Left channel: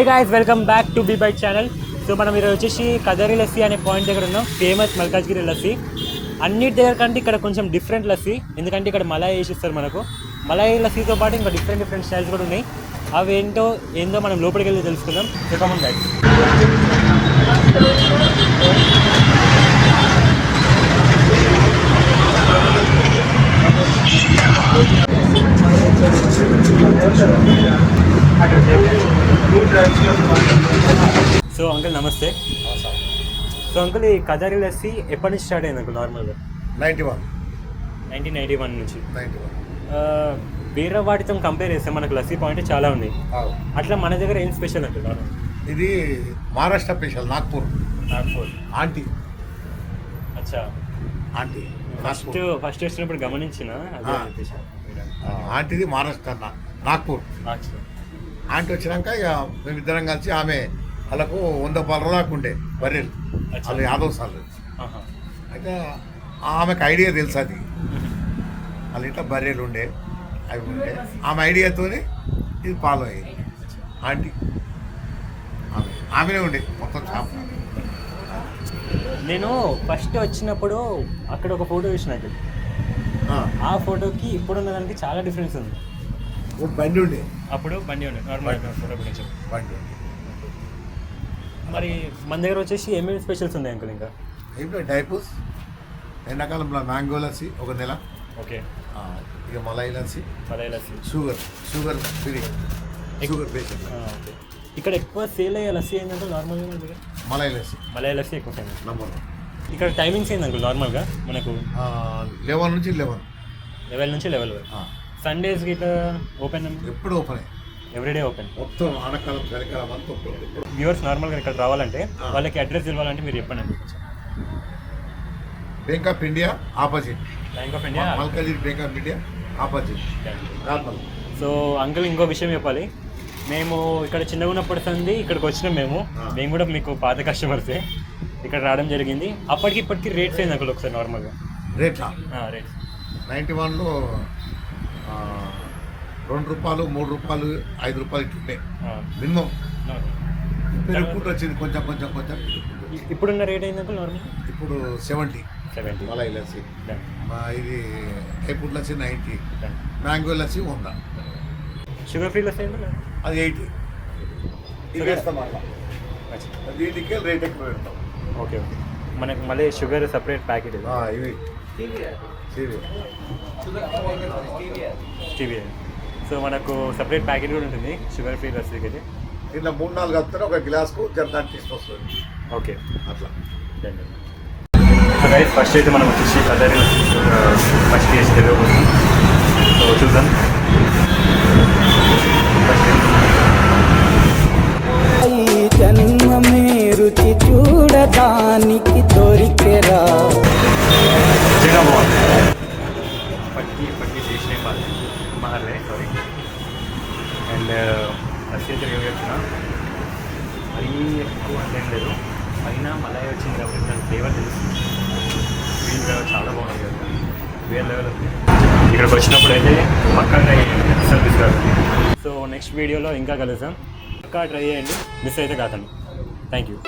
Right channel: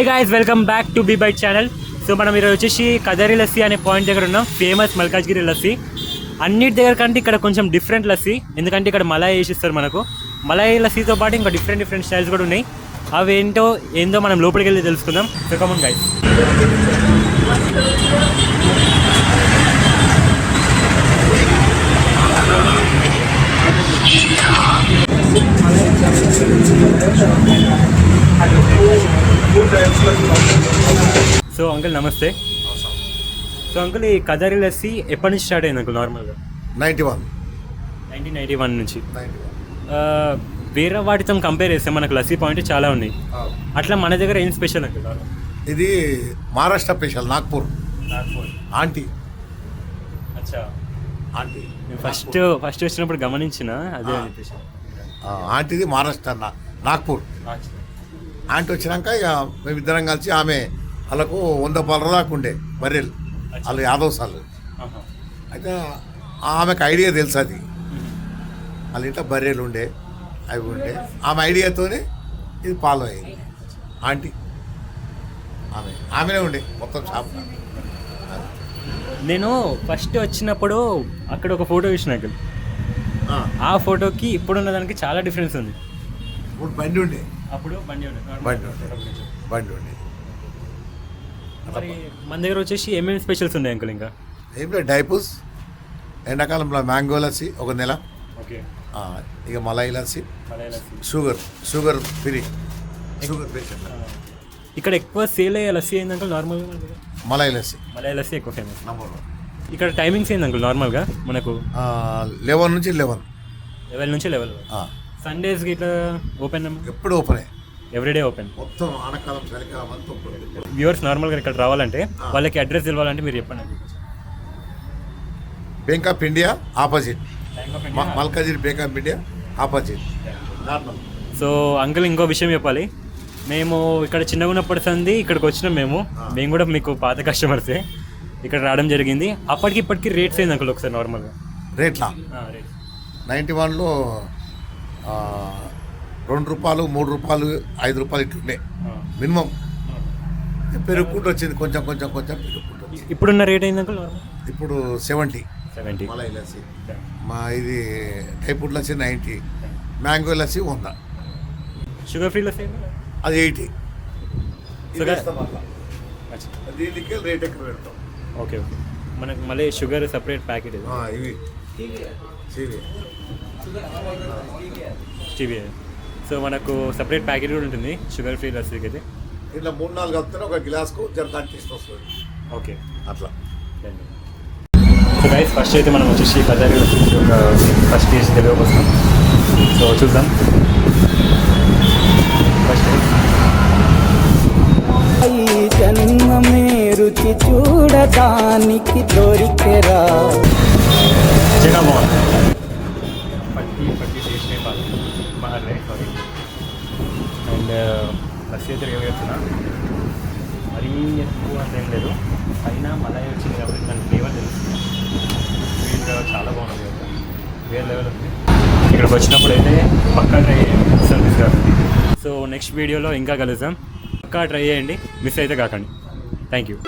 Hey guys, welcome back to B byte channel. So మనం ఈరోజు వచ్చేసి కదరి లస్సీ అనే పాయింట్ దగ్గర ఉన్నాం. ఫేమస్ మల్కాజ్గిరి లస్సీ. అన్నిటి దగ్గర కంటే ఇక్కడ కొంచెం డిఫరెంట్ లస్సీ, ఎందుకంటే ఇక్కడ మలాయి వేసిస్తారు మనకు. మలాయి లస్సీతో పాటు ఇంకా డిఫరెంట్ స్టైల్స్ కూడా ఉన్నాయి. అవి ఏందో మనం లోపలికి వెళ్ళి తెలుసుకుందాం. So come on guys. So uncle నమస్తే. సో అంకుల్, ఈ కదరి లస్సీ ఎప్పటి నుంచి స్టార్ట్ అయింది అంకుల్? నార్మల్గా 1991 నుంచి. వేరే వాటితో కంపేర్ చేస్తే మనకు లస్సీ పాయింట్ చాలా ఉన్నాయి. అట్లా మన దగ్గర ఏం స్పెషల్ అంకుల్? ఇది మహారాష్ట్ర స్పెషల్, నాగ్పూర్ ఆంటీ. అచ్చా, ఆంటీ ఫస్ట్ వచ్చినప్పుడు గమనించిన అదే ఆంటీది మహారాష్ట్ర నాగ్పూర్. ఆంటీ వచ్చినాక ఇక మేమిద్దరం కలిసి ఆమె వాళ్ళకు 100 పాల దాకా ఉండే బర్రెలు, వాళ్ళు యాదవ్ సార్లు. అయితే ఆమెకు ఐడియా తెలుసు, అది వాళ్ళ ఇంట్లో బర్రెలు ఉండే, అవి ఉండే. ఆమె ఐడియాతోనే ఇది ఫాలో అయ్యింది. ఆంటీ ఆమెనే ఉండే మొత్తం షాప్. నేను ఫస్ట్ వచ్చినప్పుడు అక్కడ ఒక ఫోటో చూసిన, ఆ ఫోటోకి ఇప్పుడున్న దానికి చాలా డిఫరెన్స్ ఉంది. ఇప్పుడు బండి ఉండే, అప్పుడు బండి ఉండే, బండి ఉండే. మరి మన దగ్గర వచ్చేసి ఏమేమి స్పెషల్స్ ఉన్నాయి అంకుల్? ఇంకా ఏంటో డైపూస్, ఎండాకాలంలో మ్యాంగో లస్సీ ఒక నెల. ఓకే. ఇక malai lassi, sugar free, sugar patient. ఇక్కడ ఎక్కువ సేల్ అయ్యే లస్సీ ఏంది అంకుల్ నార్మల్గా? మలాయి లస్సీ ఎక్కువ ఫేమస్. ఇక్కడ టైమింగ్స్ ఏంది అంకుల్ నార్మల్గా? మనకు 11 నుంచి 11. 11 నుంచి 11. సండేస్ ఇట్లా ఓపెన్? ఎప్పుడు ఓపెన్, ఎవ్రీడే ఓపెన్. మొత్తం ఆనకాలం చలికాలం అంతా ఓపెన్. వ్యూవర్స్ నార్మల్గా ఇక్కడ రావాలంటే వాళ్ళకి అడ్రస్ ఇవ్వాలంటే మీరు చెప్పండి. Bank of India opposite, Malkajgiri bank of India opposite. So uncle, ఇంకో విషయం చెప్పాలి. మేము ఇక్కడ చిన్నగా ఉన్నప్పటి సంది ఇక్కడికి వచ్చినాం. మేము కూడా మీకు పాత కస్టమర్సే. ఇక్కడ రావడం జరిగింది. అప్పటికి ఇప్పటికి రేట్స్ ఏంది అంకుల్ ఒకసారి నార్మల్గా? రేట్లా 91లో 2 రూపాయలు, 3 రూపాయలు, 5 రూపాయలు ఇట్లుండే మినిమం. పెరుగుకుంటూ వచ్చింది కొంచెం. ఇప్పుడున్న రేట్ ఏంది అంకుల్ నార్మల్? ఇప్పుడు 70 మలాయి లస్సీ. ఇది టైపుడ్ lassi 90, mango lassi 100. Sugar free lassi అది 80. దీనికి రేట్ ఎక్కువ పెడతాం. ఓకే. మనకు మళ్ళీ షుగర్ సపరేట్ ప్యాకెట్ ఇవి స్టీవియా. సో మనకు సపరేట్ ప్యాకెట్ కూడా ఉంటుంది షుగర్ ఫ్రీ లస్సీకి అయితే. ఇట్లా 3-4 కలుపుతారు ఒక గ్లాస్కు జర టేస్ట్ వస్తుంది. ఓకే, అట్లా. సో గైస్, ఫస్ట్ అయితే మనం వచ్చేసి కదరి ఫస్ట్ టేస్ట్ దగ్గర వస్తాం. సో చూద్దాం. ఈ జన్మమే రుచి చూడడానికి దొరికెరా. చిన్న పట్టి చేసిన మహల్లే, సారీ. అండ్ లస్సీ అయితే వేస్తున్నాం. మరీ ఎక్కువ ఏం లేదు, అయినా మళ్ళీ వచ్చింది కాబట్టి దాని ఫ్లేవర్ తెలుస్తుంది. వీళ్ళు చాలా బాగుంది కదా, వేరే లెవెల్ ఉంది. ఇక్కడికి వచ్చినప్పుడు అయితే పక్కా ట్రై చేయండి, సర్వీస్ కాబట్టి. సో నెక్స్ట్ వీడియోలో ఇంకా కలుద్దాం. పక్కా ట్రై చేయండి, మిస్ అయితే కాకండి. Thank you.